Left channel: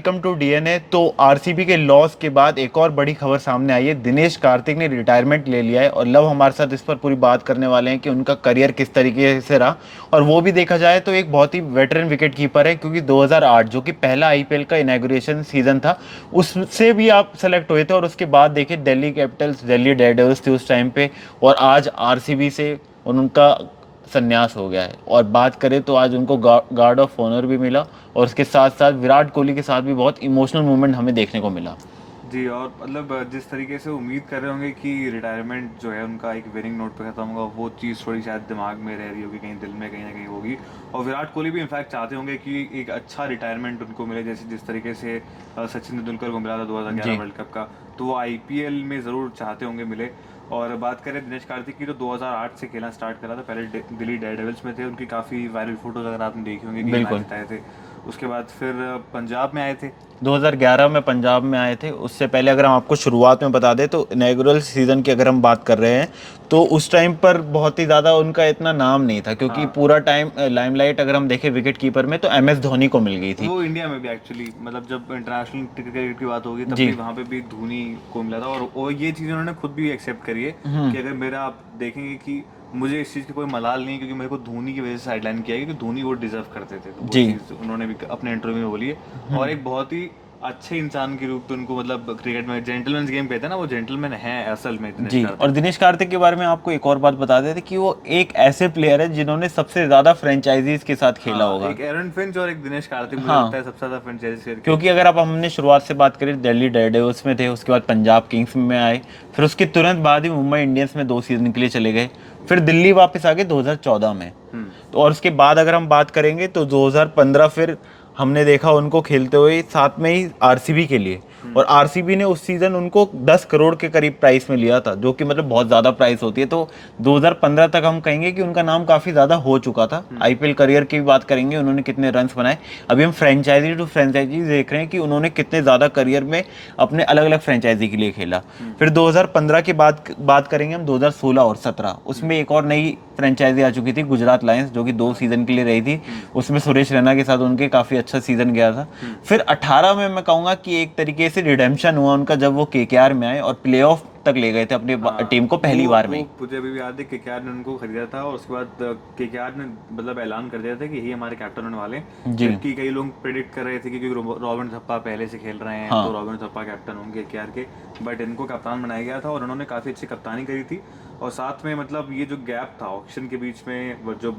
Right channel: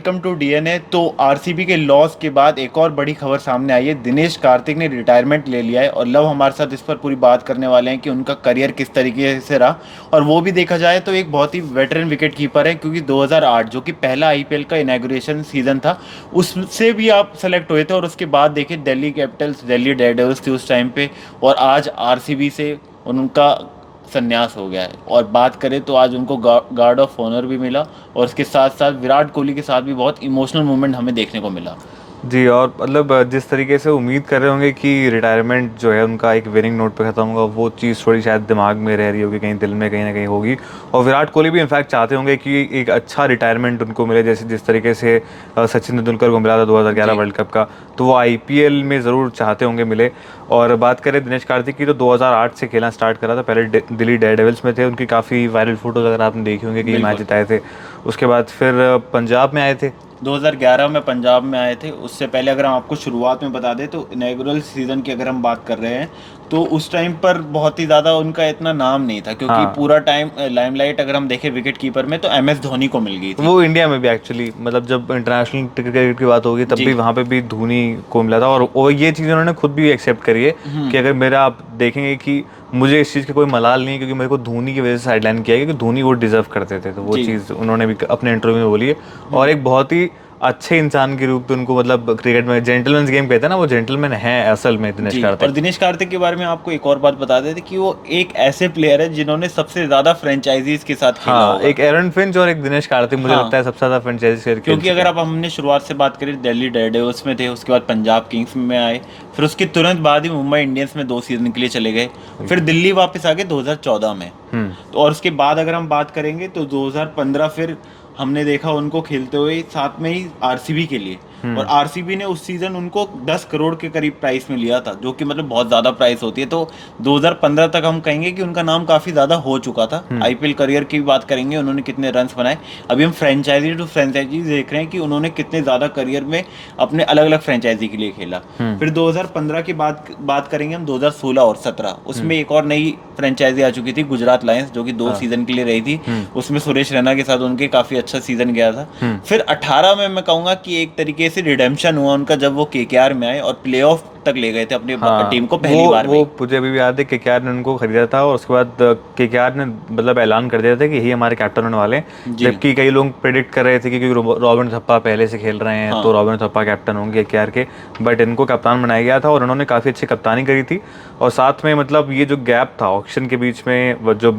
Welcome to DNA. तो RCB के loss के बाद एक और बड़ी खबर सामने आई है। दिनेश कार्तिक ने रिटायरमेंट ले लिया है और लव हमारे साथ इस पर पूरी बात करने वाले हैं कि उनका करियर किस तरीके से रहा। और वो भी देखा जाए तो एक बहुत ही वेटरन विकेट कीपर है, क्योंकि 2008 जो कि पहला आईपीएल का इनॉग्रेशन सीजन था उससे भी आप सेलेक्ट हुए थे। और उसके बाद देखिए दिल्ली कैपिटल्स, दिल्ली डेयरडेविल्स थी उस टाइम पे, और आज आरसीबी से उनका संन्यास हो गया है। और बात करें तो आज उनको गार्ड ऑफ ऑनर भी मिला, और उसके साथ साथ विराट कोहली के साथ भी बहुत इमोशनल मूवमेंट हमें देखने को मिला। जी। और मतलब जिस तरीके से उम्मीद कर रहे होंगे कि रिटायरमेंट जो है उनका एक विनिंग नोट पे खत्म होगा, वो चीज़ थोड़ी शायद दिमाग में रह रही होगी, कहीं दिल में कहीं ना कहीं होगी। और विराट कोहली भी इनफैक्ट चाहते होंगे कि एक अच्छा रिटायरमेंट उनको मिले, जैसे जिस तरीके से सचिन तेंदुलकर को मिला था 2011 जी। वर्ल्ड कप का। तो वो आईपीएल में ज़रूर चाहते होंगे मिले। और बात करें दिनेश कार्तिक की, तो 2008 से खेलना स्टार्ट करा था। पहले दिल्ली डेयरडेविल्स में थे, उनकी काफ़ी वायरल फोटोज अगर आपने देखी होंगी कि मैच बिल्कुल। जिताए थे। उसके बाद फिर पंजाब में आए थे। 2011 में पंजाब में आए थे। उससे पहले अगर हम आपको शुरुआत में बता दें तो इनॉग्रल सीजन की अगर हम बात कर रहे हैं तो उस टाइम पर बहुत ही ज़्यादा उनका इतना नाम नहीं था, क्योंकि हाँ, पूरा टाइम लाइमलाइट अगर हम देखें विकेट कीपर में तो एमएस धोनी को मिल गई थी। वो इंडिया में भी एक्चुअली मतलब जब इंटरनेशनल क्रिकेट की बात होगी तब जी। भी वहाँ पे भी धोनी को मिला था। और ये चीज़ उन्होंने खुद भी एक्सेप्ट करी है कि अगर मेरा आप देखेंगे कि मुझे इस चीज़ का कोई मलाल नहीं है, क्योंकि मेरे को धोनी की वजह से साइडलाइन किया है, क्योंकि धोनी वो डिजर्व करते थे। तो वो जी। चीज़ उन्होंने भी अपने इंटरव्यू में बोली है। और एक बहुत ही अच्छे इंसान के रूप में उनको, मतलब क्रिकेट में जेंटलमैन गेम कहते हैं ना, वो जेंटलमैन है असल में दिनेश जी। और कार्तिक। दिनेश कार्तिक के बारे में आपको एक और बात बता देते कि वो एक ऐसे प्लेयर है जिन्होंने सबसे ज्यादा फ्रेंचाइजीज के साथ खेला हाँ, होगा। एक एरन फिंच और एक दिनेश कार्तिक मुझे लगता हाँ, है सबसे ज़्यादा फ्रेंचाइजी खेल क्योंकि चुके अगर हैं। आप हमने शुरुआत से बात करें, दिल्ली डेयरडेविल्स में थे, उसके बाद पंजाब किंग्स में आए, फिर उसके तुरंत बाद ही मुंबई इंडियंस में 2 सीजन के लिए चले गए, फिर दिल्ली वापस आ गए 2014 में। हम्म। तो और उसके बाद अगर हम बात करेंगे तो 2015 फिर हमने देखा उनको खेलते हुए साथ में ही आरसीबी के लिए। और आरसीबी ने उस सीजन उनको 10 करोड़ के करीब प्राइस में लिया था, जो कि मतलब बहुत ज़्यादा प्राइस होती है। तो 2015 तक हम कहेंगे कि उनका नाम काफ़ी ज़्यादा हो चुका था। आईपीएल करियर की भी बात करेंगे, उन्होंने कितने रन्स बनाए। अभी हम फ्रेंचाइजी टू फ्रेंचाइजी देख रहे हैं कि उन्होंने कितने ज़्यादा करियर में अपने अलग अलग फ्रेंचाइजी के लिए खेला। फिर 2015 के बाद बात करेंगे हम 2016 और 17, उसमें एक और नई फ्रेंचाइजी आ चुकी थी, गुजरात लायंस, जो कि 2 सीजन के लिए रही थी। उसमें सुरेश रैना के साथ उनके काफ़ी अच्छा सीजन गया था। फिर 18 में मैं कहूँगा कि एक तरीके से रिडेम्पशन हुआ उनका, जब वो केकेआर में आए और प्लेऑफ तक ले गए थे अपनी हाँ, टीम को वो पहली बार में वो ही। मुझे अभी भी याद है, केकेआर ने उनको खरीदा था और उसके बाद केकेआर ने मतलब ऐलान कर दिया था कि यही हमारे कैप्टन होने वाले हैं। जी। जबकि कई लोग प्रेडिक्ट कर रहे थे कि क्योंकि रॉबिन थप्पा पहले से खेल रहे हैं तो हाँ। रॉबिन थप्पा कैप्टन होंगे केकेआर के। बट इनको कप्तान बनाया गया था और उन्होंने काफ़ी अच्छी कप्तानी करी थी। और साथ में मतलब ये जो गैप था ऑक्शन के बीच में, जो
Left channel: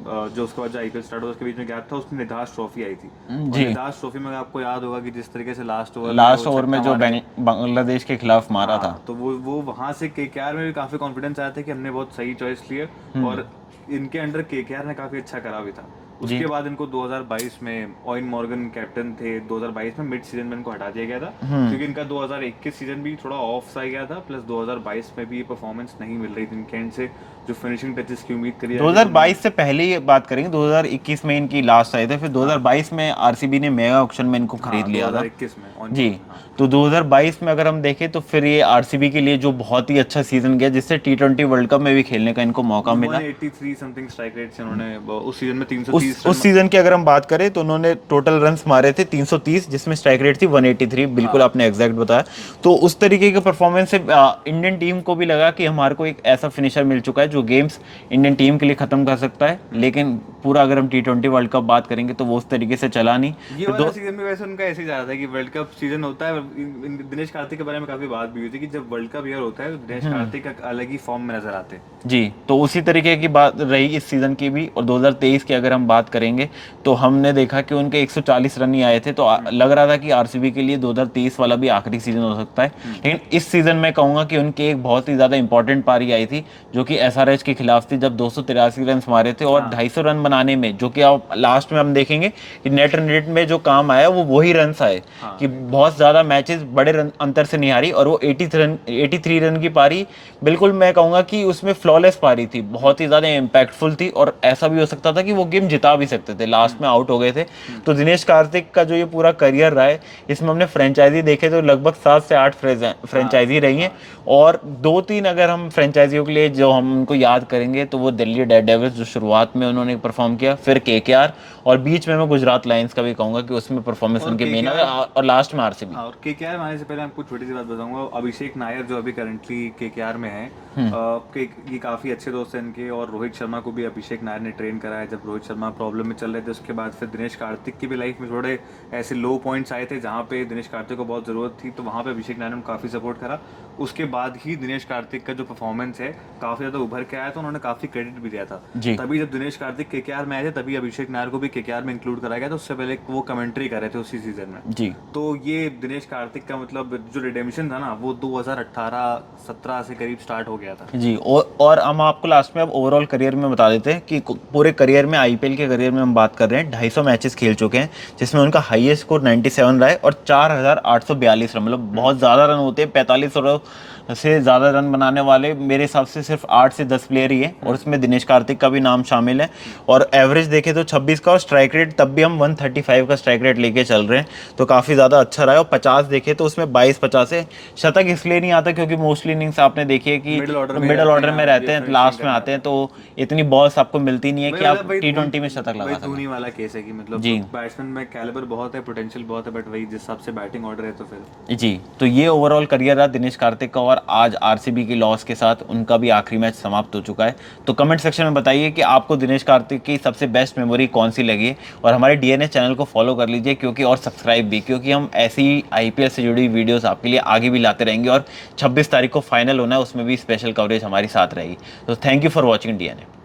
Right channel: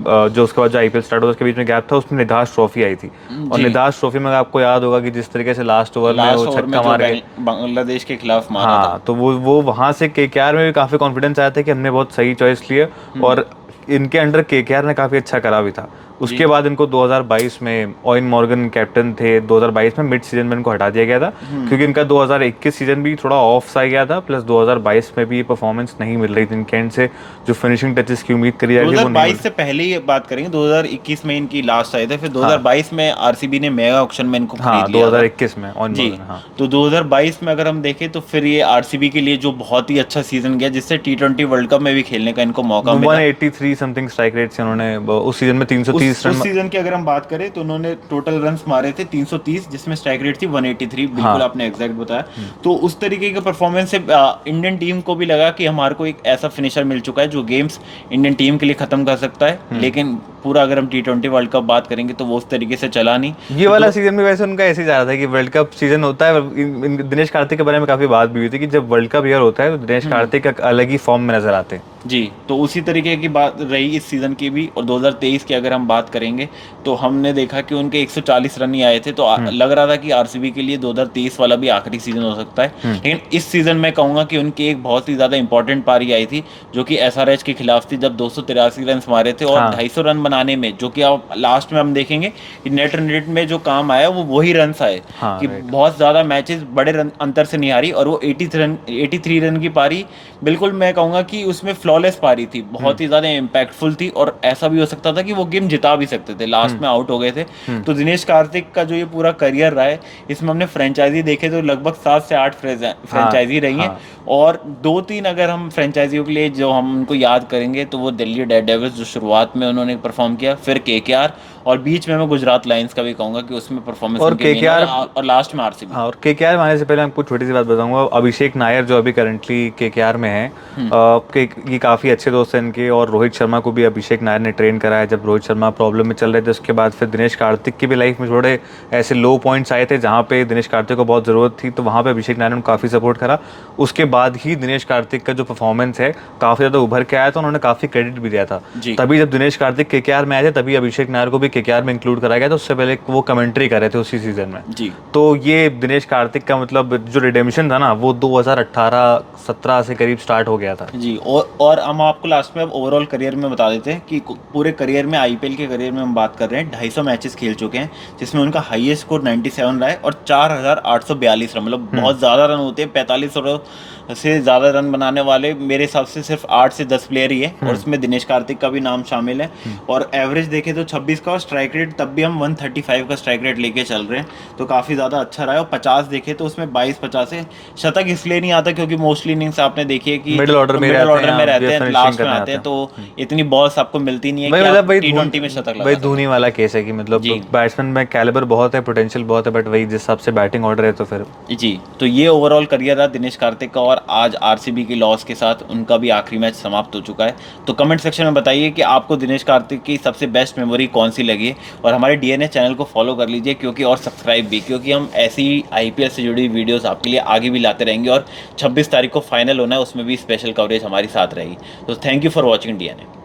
उसके बाद जो आईपीएल स्टार्ट हुआ उसके बीच में गैप था, उसमें निधास ट्रॉफी आई थी। और जी। निधास ट्रॉफी में आपको याद होगा कि जिस तरीके से लास्ट ओवर में वो लास्ट ओवर में छक्का जो मार के। बांग्लादेश के खिलाफ मारा था। हाँ, तो वो वहां से केकेआर में भी काफी कॉन्फिडेंस आया था कि हमने बहुत सही चॉइस लिए। और इनके अंडर केकेआर ने काफी अच्छा करा भी था। जी। उसके बाद इनको 2022 में ओवेन मॉर्गन कैप्टन थे, 2022 में मिड सीजन में इनको हटा दिया गया था, क्योंकि इनका 2021 सीजन भी थोड़ा ऑफ सा गया था। प्लस 2022 में भी परफॉर्मेंस नहीं मिल रही थी इनके एंड से, जो फिनिशिंग टचेस की उम्मीद करी जा रही थी वो नहीं मिल। 2022 से पहले ही बात करेंगे, 2021 में इनकी लास्ट आए थे, फिर हाँ 2022 में आरसीबी ने मेगा ऑक्शन में इनको खरीद हाँ, लिया था। 2021 में ओवेन जी। मॉर्गन, हाँ। तो 2022 में अगर हम देखें तो फिर ये आरसीबी के लिए जो बहुत ही अच्छा सीजन गया, जिससे टी20 वर्ल्ड कप में भी खेलने का इनको मौका वन मिला। Eighty three something strike rate से उन्होंने उस सीजन में उस 330 उस रन। सीजन की अगर हम बात करें तो उन्होंने टोटल रन्स मारे थे 330, जिसमें स्ट्राइक रेट थी 183। बिल्कुल हाँ। आपने एग्जैक्ट बताया। तो उस तरीके के परफॉर्मेंस से इंडियन टीम को भी लगा कि हमारे को एक ऐसा फिनिशर मिल चुका है जो गेम्स इंडियन टीम के लिए खत्म कर सकता है। लेकिन पूरा अगर हम टी20 वर्ल्ड कप बात करेंगे तो वो उस तरीके से चला नहीं। ये फिर वाला दो। सीजन भी वैसे उनका ऐसे ही जा रहा था कि वर्ल्ड कप सीजन होता है। दिनेश कार्तिक के बारे में काफी बात भी हुई थी कि जब वर्ल्ड कप ईयर होता है तो दिनेश कार्तिक एक अलग ही फॉर्म में नजर आते हैं। जी। तो उसी तरीके की बात रही इस सीज़न की भी। और 2023 की अगर हम बात करेंगे तो हमने देखा कि उनके 140 रन ही आए थे, तो लग रहा था कि आरसीबी के लिए 2023 वाला भी आखिरी सीज़न हो सकता है। लेकिन इस सीज़न में कहूँगा कि उनकी एक बहुत ही ज़्यादा इंपॉर्टेंट पारी आई थी, जो कि एसआरएच के खिलाफ थी, जब 283 रन मारे थे। और हाँ 250 रन बनाने में, जो कि आप लास्ट में हम देखेंगे कि नेट रन रेट में जो काम आया वो वही रन आए, हाँ, कि राइट। बहुत ज़्यादा मैचेस बड़े रन अंतर से नहीं हारी। और वो 83 रन की पारी, बिल्कुल मैं कहूँगा कि उसमें फ्लॉलेस पारी थी, बहुत ही ज्यादा इम्पैक्टफुल थी, और ऐसा भी हो सकता था कि वो गेम जिता भी सकते थे, लास्ट में आउट हो गए थे। तो दिनेश कार्तिक का जो ये पूरा करियर रहा है, इसमें हमने फ्रेंचाइजी देखे तो लगभग 7 से 8 फ्रेंचाइजी रही हैं, और 2-3 अगर हम फ्रेंचाइजियों के लिए जो हम उनको याद करेंगे तो वो दिल्ली डेयरडेविल्स जो शुरुआत में उन्होंने परफॉर्म किया, फिर केकेआर, और बीच में मैं गुजरात लायंस का भी कहूंगा कि उसमें परफॉर्मेंस और उनकी नहीं KKR रही, और लास्ट में आरसीबी। हाँ, और केकेआर में आने से पहले आपको छोटी सी बात बताऊंगा। अभिषेक नायर जो अभी करंटली केकेआर में है, ये काफ़ी अच्छे दोस्त हैं इनके, और रोहित शर्मा को भी अभिषेक नायर ने ट्रेन कराया जब रोहित शर्मा प्रॉब्लम में चल रहे थे। उसके बाद फिर दिनेश कार्तिक की भी लाइफ में थोड़े ऐसे लो पॉइंट्स आए थे जहाँ पे दिनेश कार्तिक को बहुत ज़रूरत थी, तो वहाँ पे अभिषेक नायर ने काफ़ी सपोर्ट करा। उसके बाद ही दिनेश कार्तिक का जो परफॉर्मेंस है काफ़ी ज़्यादा उभर के आया था, उन्होंने काफ़ी क्रेडिट भी दिया था। जी। तभी जब दिनेश कार्तिक केकेआर में आए थे तभी अभिषेक नायर को भी केकेआर में इंक्लूड कराया गया था, उससे पहले वो कमेंट्री कर रहे थे उसी सीजन में। जी। तो ये दिनेश कार्तिक का मतलब जो रिडेम्पशन था ना, वो 2018-17 से करीब स्टार्ट हो गया था। जी, और हम आपको लास्ट में अब ओवरऑल करियर में बता देते हैं कि पूरे करियर में, आईपीएल के करियर में हम बात कर रहे हैं, 250 मैचेस खेल चुके हैं, जिसमें उनका हाईएस्ट स्कोर 97 रहा है, और 4842 रन, मतलब बहुत ज़्यादा रन होते हैं। 45 से ज़्यादा रन बनाने वाले मेरे हिसाब से सिर्फ 8 से 10 प्लेयर ही है, और उसमें दिनेश कार्तिक का भी नाम शामिल है। और एवरेज देखें तो 26 का, और स्ट्राइक रेट तब भी हम 135 का स्ट्राइक रेट लेके चल रहे हैं, तो काफ़ी ज़्यादा अच्छा रहा है। और 50 देखे तो उसमें 22-50 है। शतक इसलिए नहीं आता क्योंकि मोस्टली इनिंग्स आपने देखी है कि मिडिल ऑर्डर में रहते हैं, लास्ट में आते हैं, तो इतनी बॉल्स आपको मिलती नहीं है कि आप T20 में शतक लगा भाई सकें। धोनी वाला केस है कि मतलब बैट्समैन में कैलिबर बहुत है, पोटेंशियल बहुत है, बट वही जिस हिसाब से बैटिंग ऑर्डर है तो फिर जी। तो ये ओवरऑल करियर रहा दिनेश कार्तिक का, और आज आरसीबी की लॉस के साथ उनका भी आखिरी मैच समाप्त हो चुका है। तो कमेंट सेक्शन में बताइए कि आपको दिनेश कार्तिक की सबसे बेस्ट मेमोरी कौन सी लगी, और हमारे डीएनए चैनल को फॉलो कर लीजिए क्योंकि, और सब्सक्राइब भी, क्योंकि हम ऐसी आईपीएल से जुड़ी वीडियोस आपके लिए आगे भी लाते रहेंगे, और 26 तारीख को फाइनल होना है, उसमें भी स्पेशल कवरेज हमारी साथ रहेगी। तो thank you for watching DNA.